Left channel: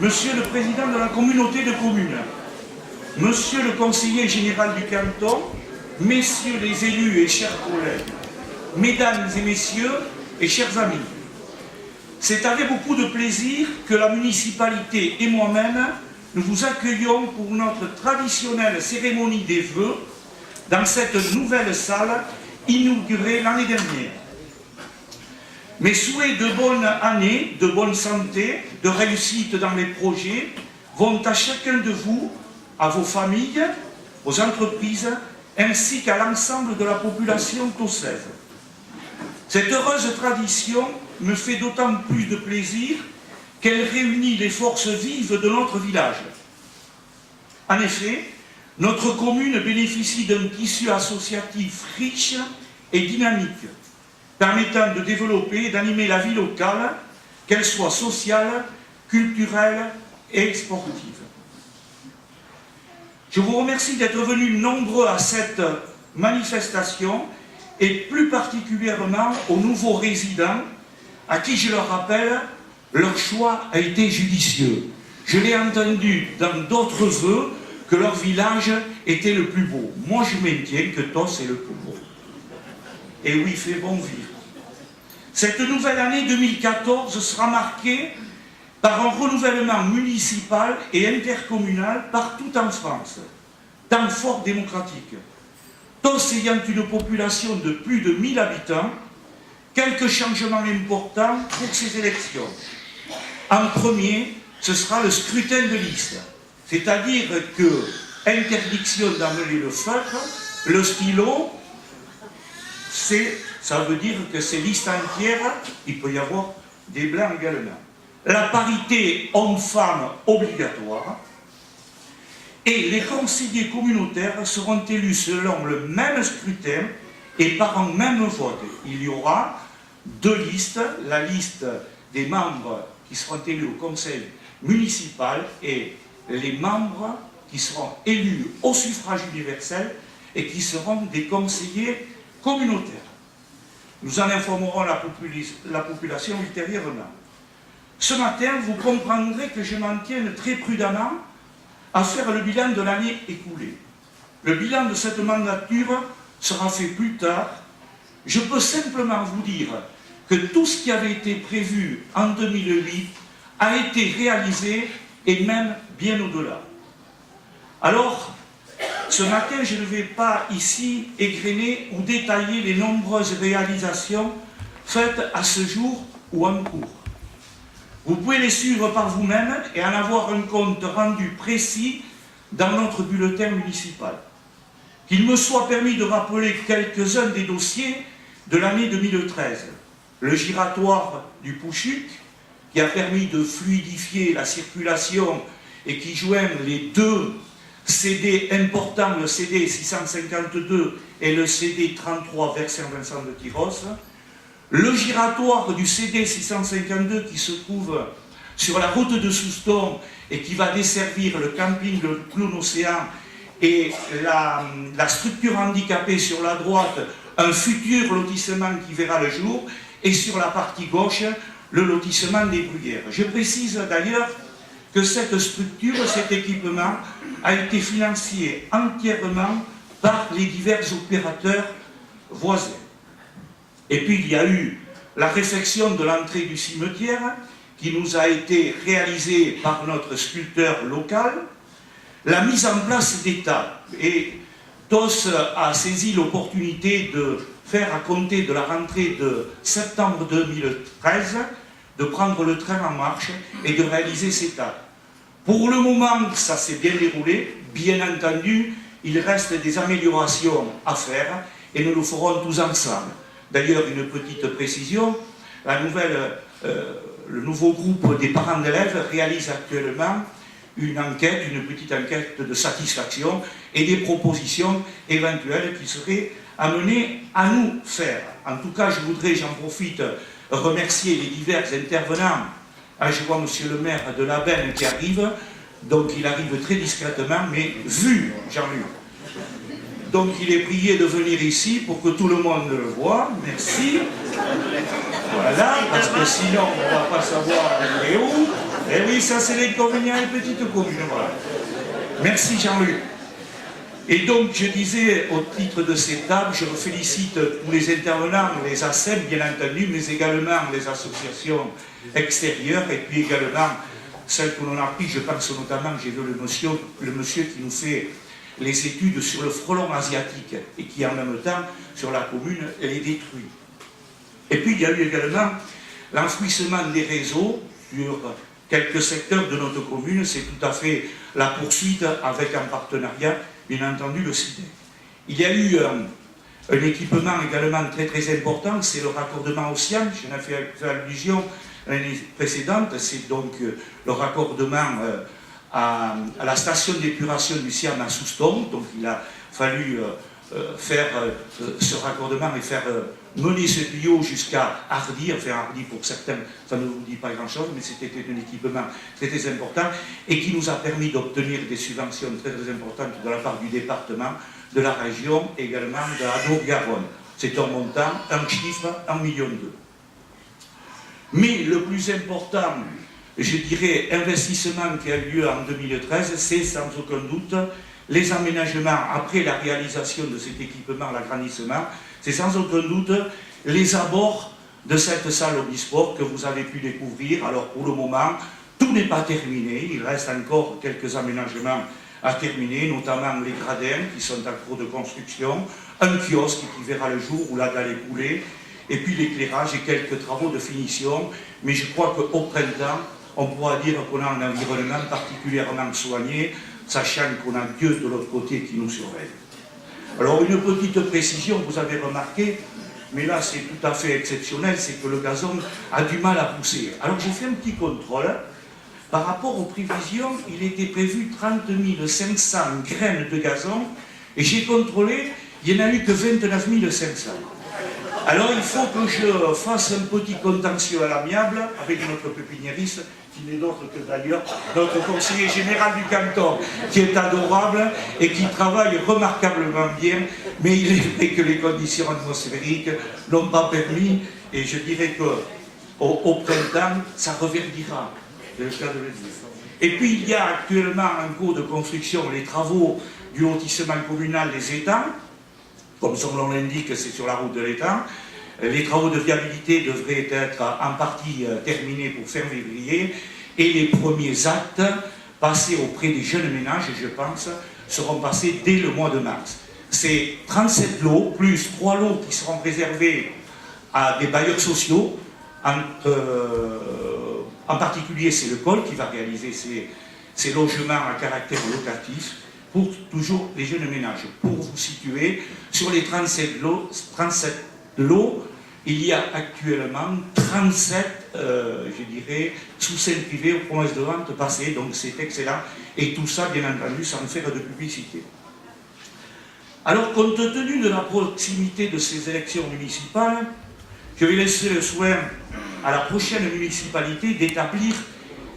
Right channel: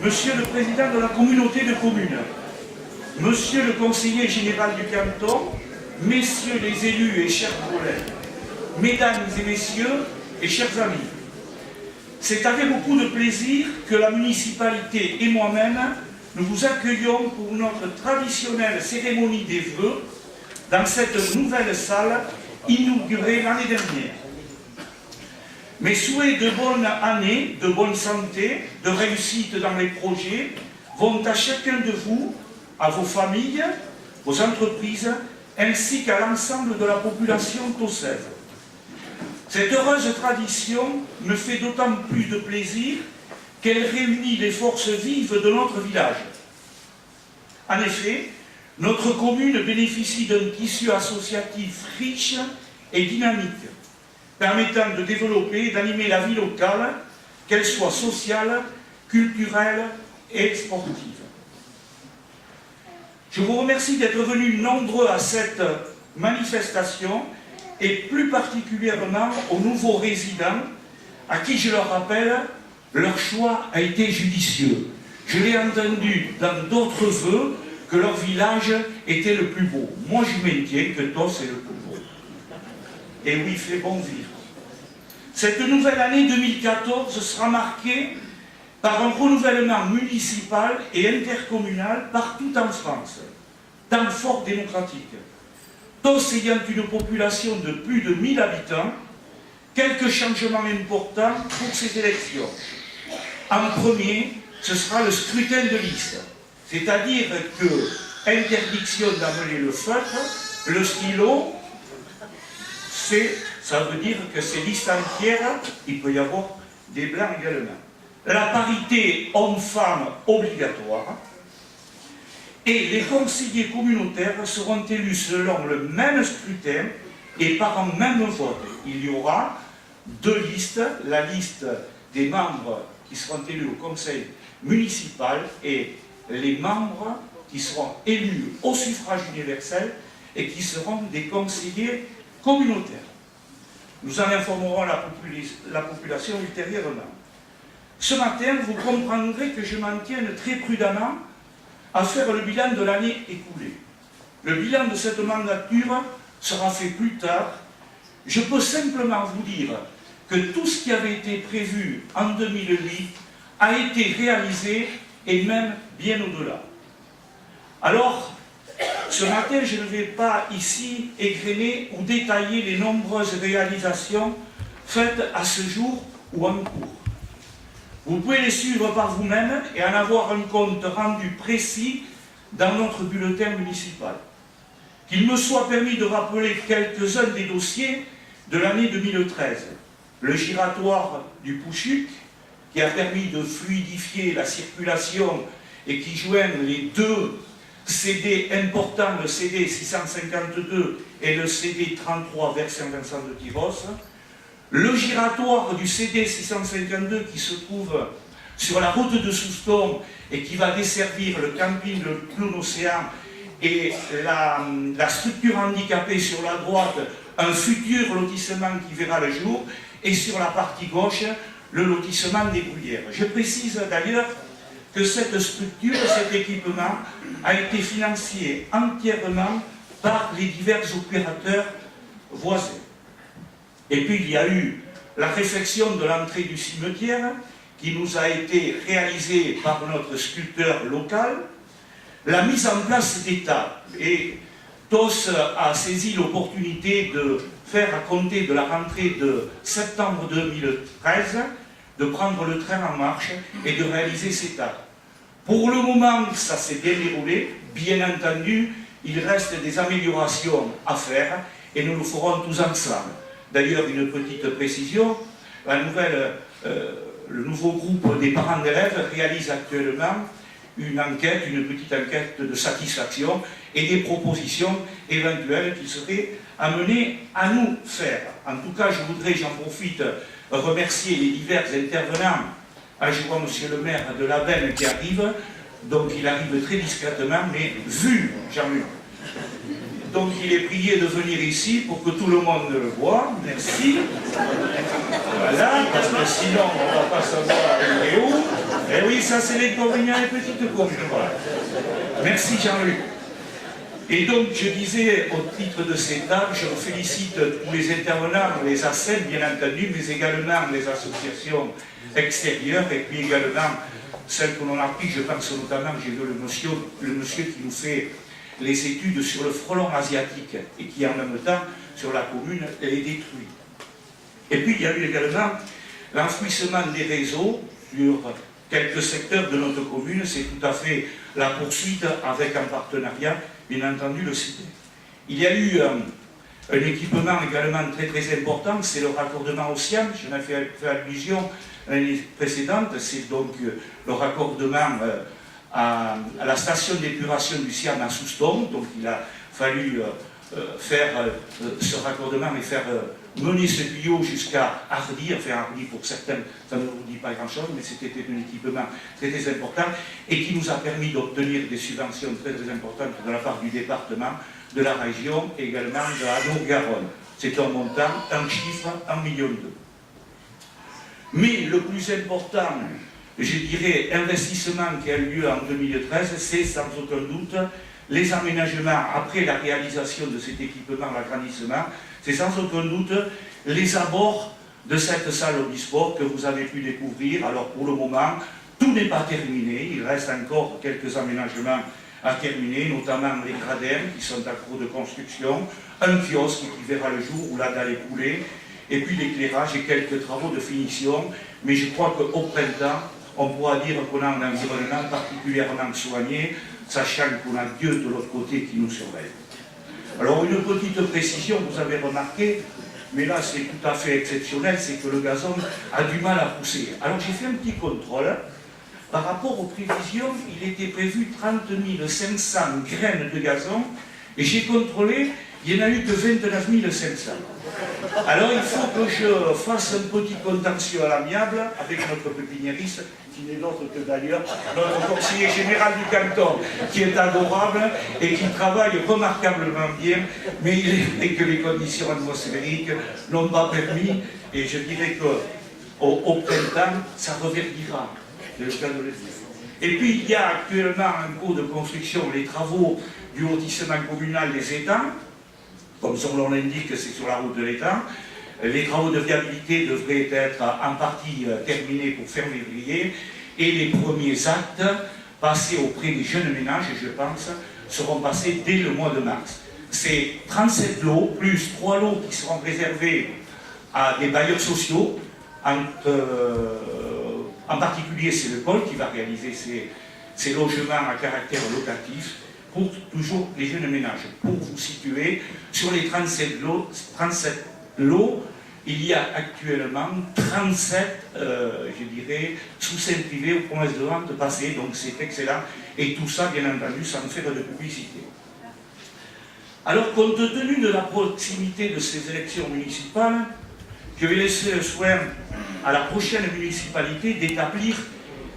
Monsieur le Président de la communauté de communes, Monsieur le Conseiller général du canton, Messieurs les élus et chers collègues, Mesdames et Messieurs et chers amis, c'est avec beaucoup de plaisir que la municipalité et moi-même, nous vous accueillons pour notre traditionnelle cérémonie des vœux dans cette nouvelle salle inaugurée l'année dernière. Mes souhaits de bonne année, de bonne santé, de réussite dans les projets vont à chacun de vous, à vos familles, aux entreprises, ainsi qu'à l'ensemble de la population tossaise. Cette heureuse tradition me fait d'autant plus de plaisir qu'elle réunit les forces vives de notre village. En effet, notre commune bénéficie d'un tissu associatif riche et dynamique, permettant de développer et d'animer la vie locale, qu'elle soit sociale, culturelle et sportive. Je vous remercie d'être venus nombreux à cette manifestation et plus particulièrement aux nouveaux résidents à qui, je le rappelle, leur choix a été judicieux. Je l'ai entendu dans d'autres vœux que leur village était le plus beau. Moi, je maintiens que Tos est le plus beau. Et oui, il fait bon vivre. Cette nouvelle année 2014 sera marquée par un renouvellement municipal et intercommunal partout en France, temps fort démocratique. Tos ayant une population de plus de 1000 habitants, quelques changements importants pour ces élections. En premier, ce sera le scrutin de liste, c'est-à-dire que interdiction d'amener le feutre, le stylo, ça veut dire que c'est liste entière, il peut y avoir des blancs également. La parité homme-femme obligatoire, et les conseillers communautaires seront élus selon le même scrutin et par un même vote. Il y aura deux listes, la liste des membres qui seront élus au conseil municipal et les membres qui seront élus au suffrage universel et qui seront des conseillers communautaires. Nous en informerons la population ultérieurement. Ce matin, vous comprendrez que je m'en tienne très prudemment à faire le bilan de l'année écoulée. Le bilan de cette mandature sera fait plus tard. Je peux simplement vous dire que tout ce qui avait été prévu en 2008 a été réalisé et même bien au-delà. Alors, ce matin, je ne vais pas ici égrener ou détailler les nombreuses réalisations faites à ce jour ou en cours. Vous pouvez les suivre par vous-même et en avoir un compte rendu précis dans notre bulletin municipal. Qu'il me soit permis de rappeler quelques-uns des dossiers de l'année 2013. Le giratoire du Pouchuc, qui a permis de fluidifier la circulation et qui joint les deux CD importants, le CD 652 et le CD 33 vers Saint-Vincent de Tyrosse. Le giratoire du CD 652 qui se trouve sur la route de Souston et qui va desservir le camping Le Clown Océan et la structure handicapée sur la droite, un futur lotissement qui verra le jour, et sur la partie gauche, le lotissement des Bruyères. Je précise d'ailleurs que cette structure, cet équipement, a été financé entièrement par les divers opérateurs voisins. Et puis il y a eu la réfection de l'entrée du cimetière qui nous a été réalisée par notre sculpteur local, la mise en place d'État. Et Tos a saisi l'opportunité de faire, à compter de la rentrée de septembre 2013, de prendre le train en marche et de réaliser cet acte. Pour le moment, ça s'est bien déroulé. Bien entendu, il reste des améliorations à faire et nous le ferons tous ensemble. D'ailleurs, une petite précision, le nouveau groupe des parents d'élèves réalise actuellement une enquête, une petite enquête de satisfaction et des propositions éventuelles qui seraient amenées à nous faire. En tout cas, je voudrais, j'en profite, remercier les divers intervenants. Je vois monsieur le maire de la Benne qui arrive, donc il arrive très discrètement, mais vu Jean-Luc. Donc il est prié de venir ici pour que tout le monde le voie. Merci. Voilà, parce que sinon on ne va pas savoir où est où. Eh oui, Oui, ça c'est l'inconvénient des petites communes. Voilà. Merci Jean-Luc. Et donc, je disais, au titre de cette table, je félicite tous les intervenants, les ACEP, bien entendu, mais également les associations extérieures, et puis également celles que l'on a prises, je pense notamment, j'ai vu le monsieur qui nous fait les études sur le frelon asiatique, et qui en même temps, sur la commune, les détruit. Et puis, il y a eu également l'enfouissement des réseaux sur quelques secteurs de notre commune, c'est tout à fait la poursuite avec un partenariat, bien entendu, le CIDE. Il y a eu un équipement également très très important, c'est le raccordement au SIAM, j'en ai fait allusion l'année précédente, c'est donc le raccordement à la station d'épuration du SIAM à Souston, donc il a fallu faire ce raccordement et faire mener ce tuyau jusqu'à Hardy, enfin Hardy pour certains, ça ne vous dit pas grand-chose, mais c'était un équipement très très important et qui nous a permis d'obtenir des subventions très très importantes de la part du département, de la région, également de la Haute-Garonne. C'est un montant, un chiffre, 1,2 million. Mais le plus important, je dirais, investissement qui a eu lieu en 2013, c'est sans aucun doute les aménagements après la réalisation de cet équipement, l'agrandissement, c'est sans aucun doute les abords de cette salle omnisport que vous avez pu découvrir. Alors pour le moment, tout n'est pas terminé, il reste encore quelques aménagements à terminer, notamment les gradins qui sont en cours de construction, un kiosque qui verra le jour où la dalle est coulée, et puis l'éclairage et quelques travaux de finition. Mais je crois qu'au printemps, on pourra dire qu'on a un environnement particulièrement soigné, sachant qu'on a Dieu de l'autre côté qui nous surveille. Alors une petite précision, vous avez remarqué, mais là c'est tout à fait exceptionnel, c'est que le gazon a du mal à pousser. Alors j'ai fait un petit contrôle, par rapport aux prévisions, il était prévu 30 500 graines de gazon, et j'ai contrôlé, il n'y en a eu que 29 500. Alors il faut que je fasse un petit contentieux à l'amiable avec notre pépiniériste, qui n'est d'autre que d'ailleurs notre conseiller général du canton, qui est adorable et qui travaille remarquablement bien, mais il est vrai que les conditions atmosphériques n'ont pas permis, et je dirais qu'au printemps, ça reverdira, c'est le cas de le dire. Et puis il y a actuellement en cours de construction les travaux du lotissement communal des étangs, comme son nom l'indique, c'est sur la route de l'étang. Les travaux de viabilité devraient être en partie terminés pour fin février et les premiers actes passés auprès des jeunes ménages, je pense, seront passés dès le mois de mars. C'est 37 lots, plus 3 lots qui seront réservés à des bailleurs sociaux. En particulier, c'est le COL qui va réaliser ces logements à caractère locatif pour toujours les jeunes ménages. Pour vous situer, sur les 37 lots, il y a actuellement 37, je dirais, sous-scènes privées aux promesses de vente passées, donc c'est excellent, et tout ça, bien entendu, sans faire de publicité. Alors, compte tenu de la proximité de ces élections municipales, je vais laisser le soin à la prochaine municipalité d'établir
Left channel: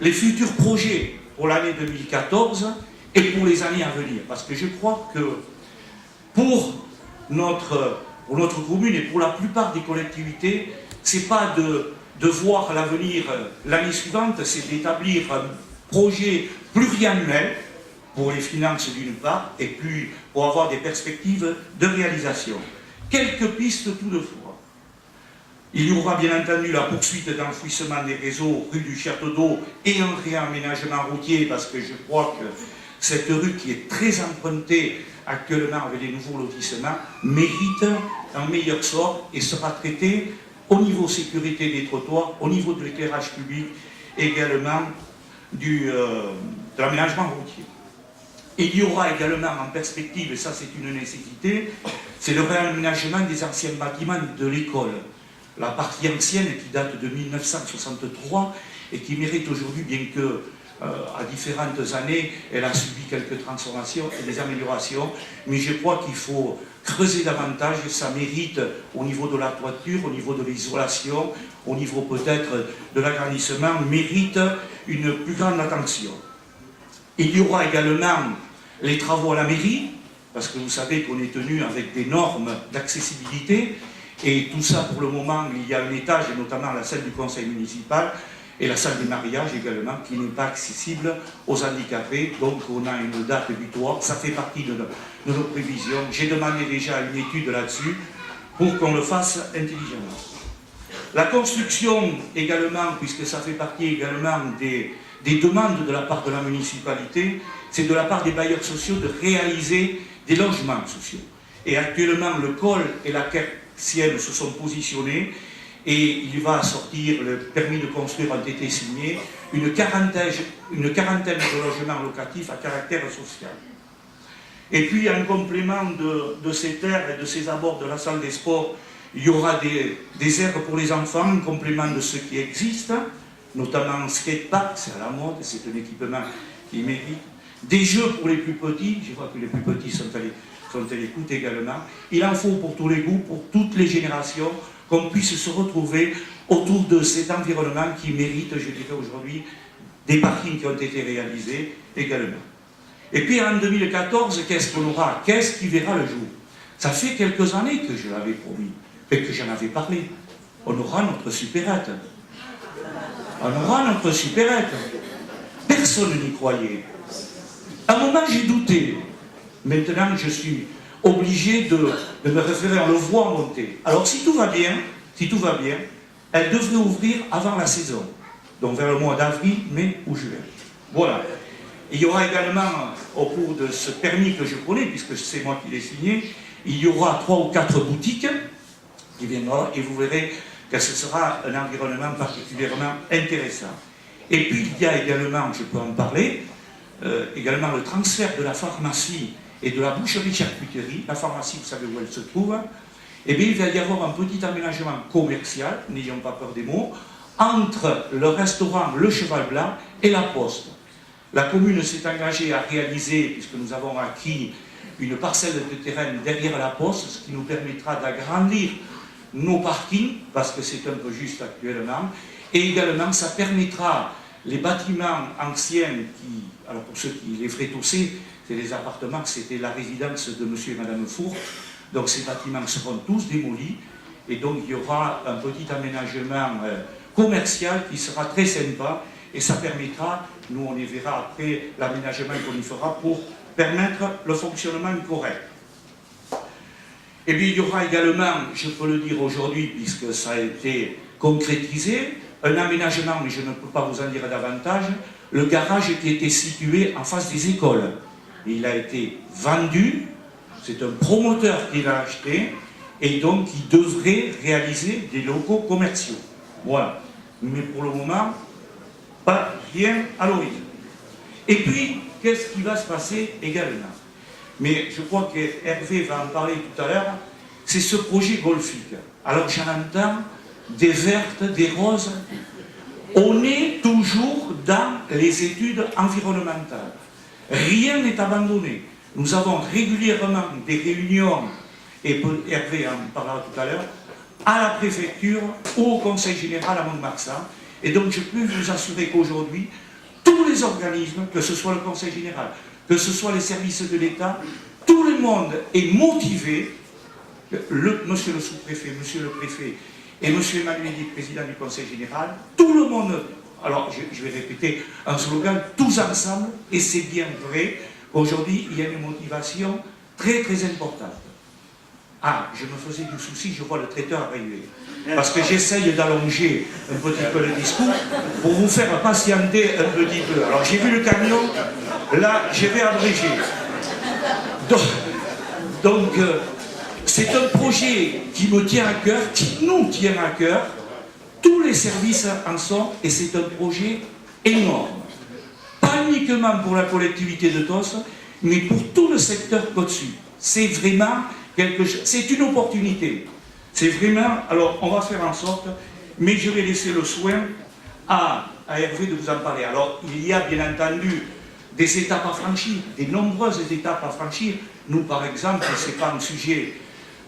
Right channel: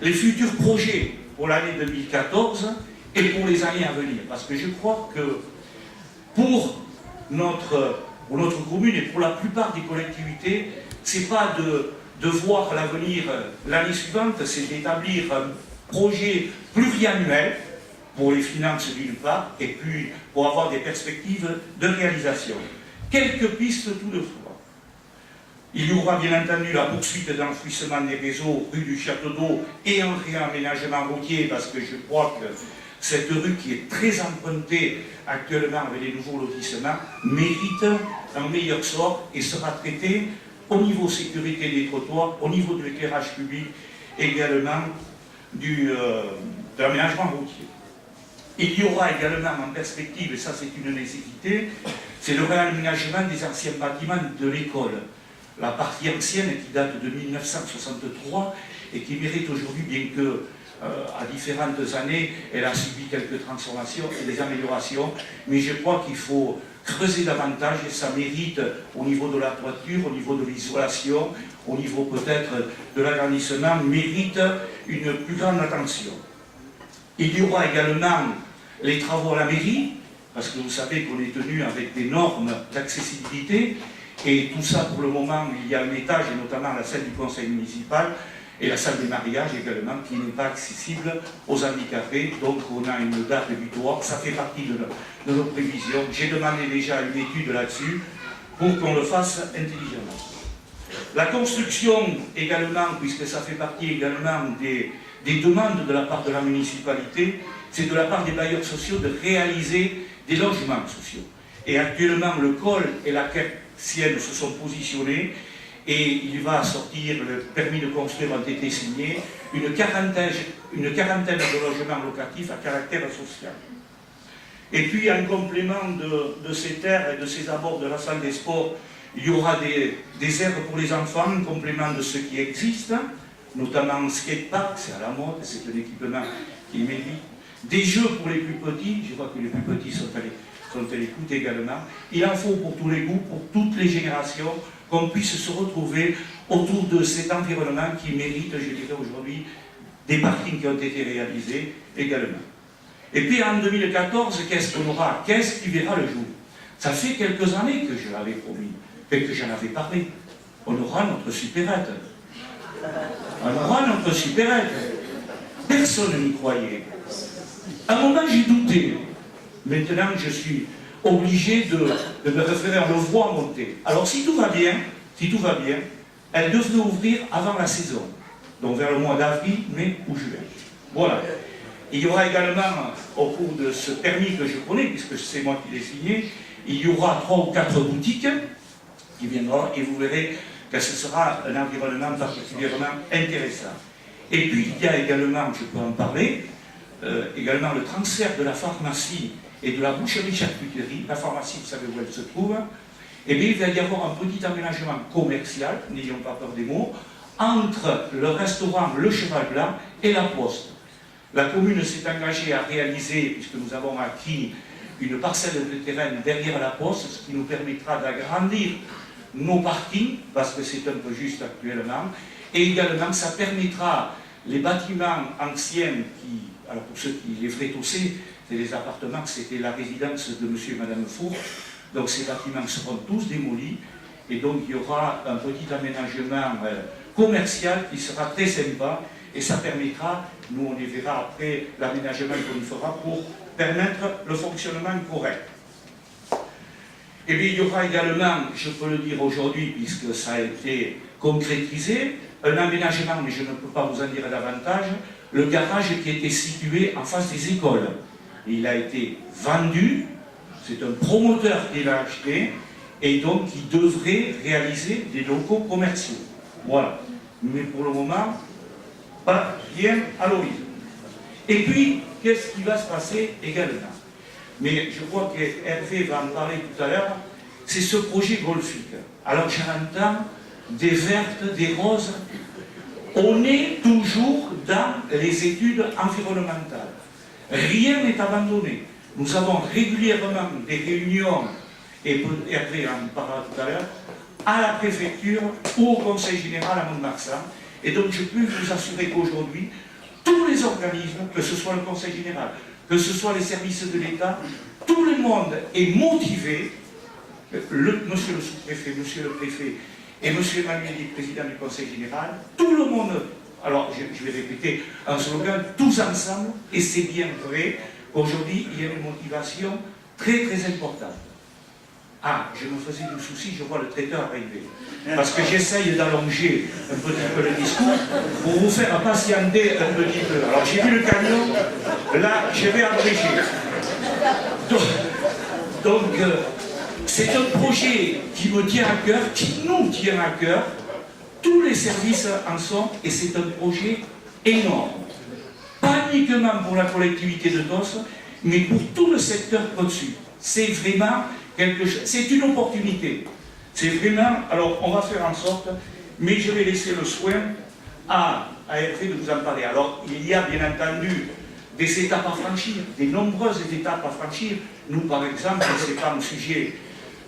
les futurs projets pour l'année 2014 et pour les années à venir. Parce que je crois que pour notre commune et pour la plupart des collectivités, ce n'est pas de voir l'avenir l'année suivante, c'est d'établir un projet pluriannuel pour les finances d'une part, et puis pour avoir des perspectives de réalisation. Quelques pistes toutefois. Il y aura bien entendu la poursuite d'enfouissement des réseaux rue du Château d'Eau et un réaménagement routier, parce que je crois que cette rue qui est très empruntée actuellement avec les nouveaux lotissements mérite un meilleur sort et sera traitée au niveau sécurité des trottoirs, au niveau de l'éclairage public et également de l'aménagement routier. Il y aura également en perspective, et ça c'est une nécessité, c'est le réaménagement des anciens bâtiments de l'école. La partie ancienne qui date de 1963 et qui mérite aujourd'hui, bien que à différentes années, elle a subi quelques transformations et des améliorations, mais je crois qu'il faut creuser davantage et ça mérite au niveau de la toiture, au niveau de l'isolation, au niveau peut-être de l'agrandissement, mérite une plus grande attention. Il y aura également les travaux à la mairie, parce que vous savez qu'on est tenu avec des normes d'accessibilité, et tout ça pour le moment, il y a un étage, et notamment la salle du conseil municipal, Et la salle des mariages également, qui n'est pas accessible aux handicapés. Donc on a une date butoir, ça fait partie de nos prévisions. J'ai demandé déjà une étude là-dessus pour qu'on le fasse intelligemment. La construction également, puisque ça fait partie également des demandes de la part de la municipalité, c'est de la part des bailleurs sociaux de réaliser des logements sociaux. Et actuellement, le COL et la Sienne se sont positionnés et il va sortir, le permis de construire ont été signés, une quarantaine de logements locatifs à caractère social. Et puis, en complément de ces terres et de ces abords de la salle des sports, il y aura des aires pour les enfants, en complément de ce qui existe, notamment un skatepark, c'est à la mode, c'est un équipement qui mérite. Des jeux pour les plus petits, je crois que les plus petits sont à l'écoute également. Il en faut pour tous les goûts, pour toutes les générations, qu'on puisse se retrouver autour de cet environnement qui mérite, je dirais aujourd'hui, des parkings qui ont été réalisés également. Et puis en 2014, qu'est-ce qu'on aura? Qu'est-ce qui verra le jour? Ça fait quelques années que je l'avais promis, et que j'en avais parlé. On aura notre supérette. On aura notre supérette. Personne n'y croyait. À un moment, j'ai douté. Maintenant, je suis obligé de me référer, on le voit monter. Alors, si tout va bien, elle devrait ouvrir avant la saison. Donc, vers le mois d'avril, mai ou juin. Voilà. Il y aura également, au cours de ce permis que je connais, puisque c'est moi qui l'ai signé, il y aura 3 ou 4 boutiques qui viendront et vous verrez que ce sera un environnement particulièrement intéressant. Et puis, il y a également, je peux en parler, également le transfert de la pharmacie et de la boucherie-charcuterie. La pharmacie, vous savez où elle se trouve. Eh bien, il va y avoir un petit aménagement commercial, n'ayons pas peur des mots, entre le restaurant Le Cheval Blanc et la Poste. La commune s'est engagée à réaliser, puisque nous avons acquis une parcelle de terrain derrière la Poste, ce qui nous permettra d'agrandir nos parkings, parce que c'est un peu juste actuellement, et également ça permettra les bâtiments anciens qui, alors pour ceux qui les feraient tousser, c'est les appartements, c'était la résidence de monsieur et madame Four, donc ces bâtiments seront tous démolis, et donc il y aura un petit aménagement commercial qui sera très sympa, et ça permettra, nous on les verra après, l'aménagement qu'on y fera pour permettre le fonctionnement correct. Et puis il y aura également, je peux le dire aujourd'hui, puisque ça a été concrétisé, un aménagement, mais je ne peux pas vous en dire davantage, le garage qui était situé en face des écoles. Il a été vendu, c'est un promoteur qui l'a acheté, et donc il devrait réaliser des locaux commerciaux. Voilà. Mais pour le moment, pas rien à l'horizon. Et puis, qu'est-ce qui va se passer également? Mais je crois que Hervé va en parler tout à l'heure, c'est ce projet golfique. Alors j'en entends des vertes, des roses. On est toujours dans les études environnementales. Rien n'est abandonné. Nous avons régulièrement des réunions, et Hervé en parlera tout à l'heure, à la préfecture ou au conseil général à Mont-de-Marsan. Et donc je peux vous assurer qu'aujourd'hui, tous les organismes, que ce soit le conseil général, que ce soit les services de l'État, tout le monde est motivé, monsieur le sous-préfet, monsieur le préfet et monsieur Emmanuel, président du conseil général, tout le monde, alors je vais répéter un slogan, tous ensemble, et c'est bien vrai, aujourd'hui il y a une motivation très très importante. Ah, je me faisais du souci, je vois le traiteur arriver. Parce que j'essaye d'allonger un petit peu le discours pour vous faire patienter un petit peu. Alors j'ai vu le camion, là je vais abréger. Donc c'est un projet qui me tient à cœur, qui nous tient à cœur. Tous les services en sont, et c'est un projet énorme. Pas uniquement pour la collectivité de Tos, mais pour tout le secteur Côte-Sud. C'est vraiment quelque chose, c'est une opportunité. C'est vraiment, alors on va faire en sorte, mais je vais laisser le soin à Hervé de vous en parler. Alors il y a bien entendu des étapes à franchir, des nombreuses étapes à franchir. Nous par exemple, ce n'est pas un sujet,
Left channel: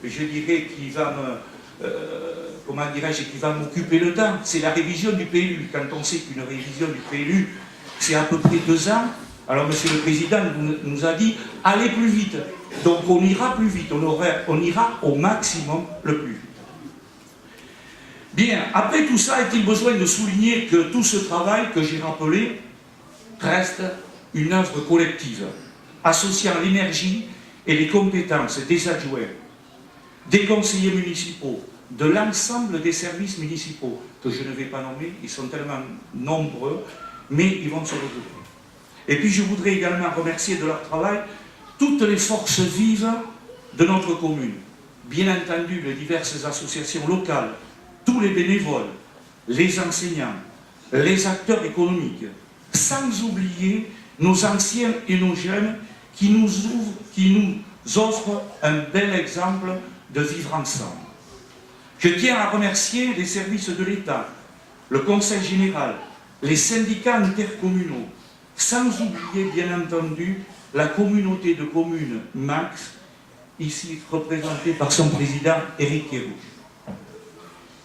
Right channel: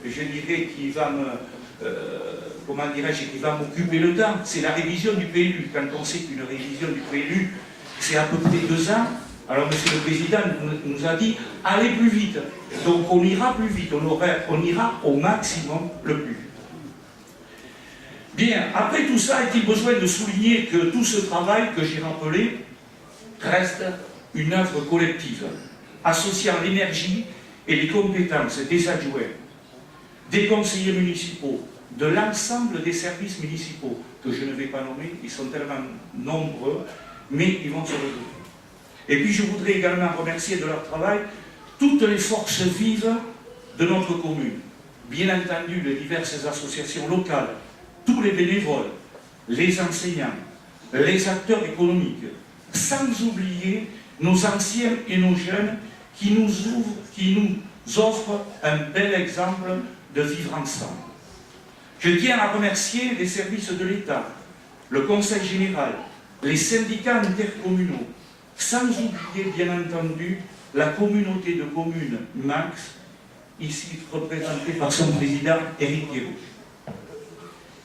je dirais, qui va me, comment dirais-je, qui va m'occuper le temps. C'est la révision du PLU. Quand on sait qu'une révision du PLU, c'est à peu près 2 ans, alors monsieur le président nous a dit, allez plus vite. Donc on ira plus vite, on ira au maximum le plus vite. Bien, après tout ça, est-il besoin de souligner que tout ce travail que j'ai rappelé reste une œuvre collective, associant l'énergie et les compétences des adjoints, des conseillers municipaux, de l'ensemble des services municipaux, que je ne vais pas nommer, ils sont tellement nombreux, mais ils vont se retrouver. Et puis je voudrais également remercier de leur travail toutes les forces vives de notre commune, bien entendu les diverses associations locales, tous les bénévoles, les enseignants, les acteurs économiques, sans oublier nos anciens et nos jeunes qui nous offrent un bel exemple de vivre ensemble. Je tiens à remercier les services de l'État, le Conseil général, les syndicats intercommunaux, sans oublier bien entendu la communauté de communes MAX, ici représentée par son président Éric Héroux.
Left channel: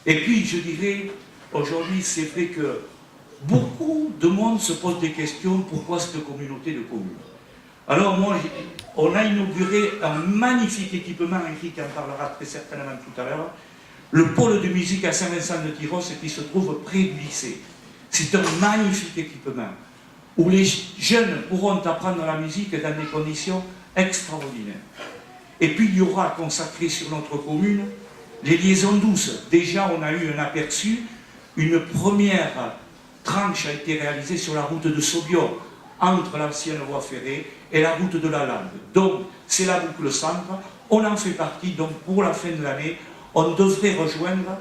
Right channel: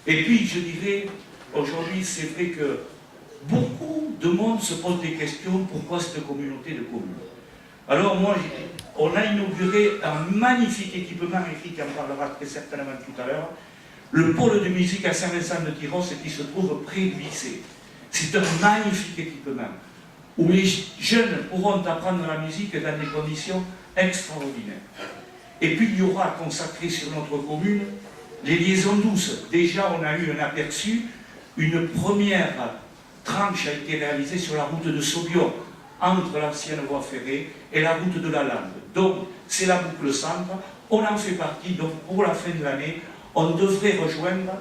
Et puis je dirais, aujourd'hui c'est vrai que beaucoup de monde se pose des questions, pourquoi cette communauté de communes? Alors moi, on a inauguré un magnifique équipement, Eric en parlera très certainement tout à l'heure, le pôle de musique à Saint-Vincent-de-Tyrosse qui se trouve près du lycée. C'est un magnifique équipement où les jeunes pourront apprendre la musique dans des conditions extraordinaires. Et puis il y aura consacré sur notre commune les liaisons douces. Déjà on a eu un aperçu, une première tranche a été réalisée sur la route de Saubion, entre l'ancienne voie ferrée et la route de la Lande. Donc c'est la boucle centre, on en fait partie, donc pour la fin de l'année, on devrait rejoindre,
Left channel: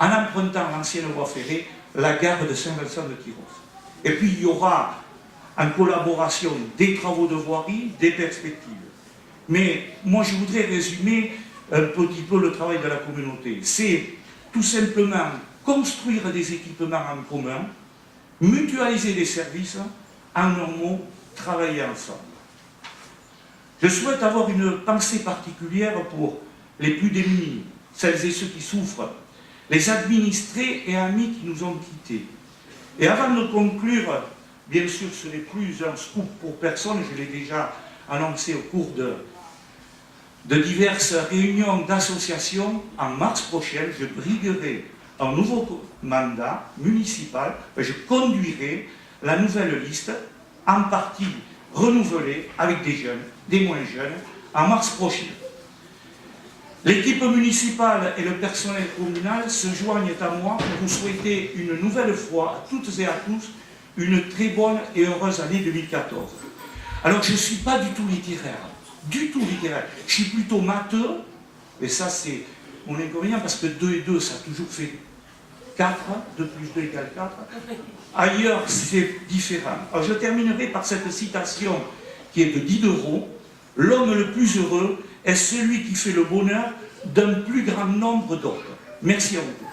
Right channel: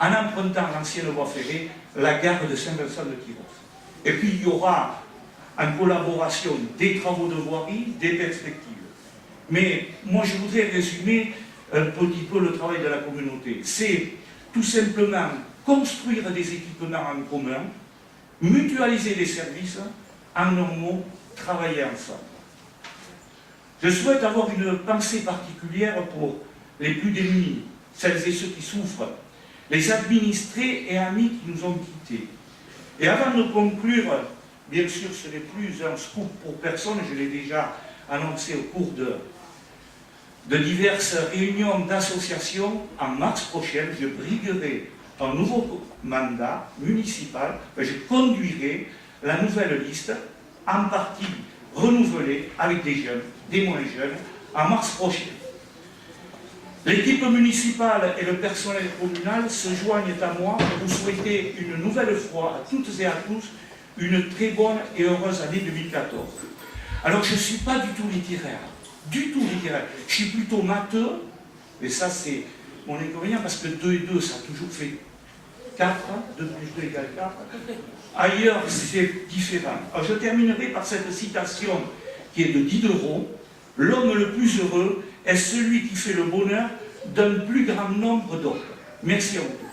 en empruntant l'ancienne voie ferrée, la gare de Saint-Vincent-de-Tyrosse. Et puis il y aura, en collaboration, des travaux de voirie, des perspectives. Mais moi je voudrais résumer un petit peu le travail de la communauté. C'est tout simplement construire des équipements en commun, mutualiser les services, en un mot, travailler ensemble. Je souhaite avoir une pensée particulière pour les plus démunis, celles et ceux qui souffrent, les administrés et amis qui nous ont quittés. Et avant de conclure, bien sûr ce n'est plus un scoop pour personne, je l'ai déjà annoncé au cours de diverses réunions d'associations, en mars prochain, je briguerai un nouveau mandat municipal, je conduirai la nouvelle liste, en partie renouvelée avec des jeunes, des moins jeunes, en mars prochain. L'équipe municipale et le personnel communal se joignent à moi pour souhaiter une nouvelle fois à toutes et à tous une très bonne et heureuse année 2014. Alors je ne suis pas du tout littéraire, je suis plutôt matheux, et ça c'est mon inconvénient parce que 2 et 2 ça a toujours fait 4, 2 plus 2 égale 4. Ailleurs, c'est différent. Alors, je terminerai par cette citation qui est de Diderot. L'homme le plus heureux est celui qui fait le bonheur d'un plus grand nombre d'autres. Merci à vous.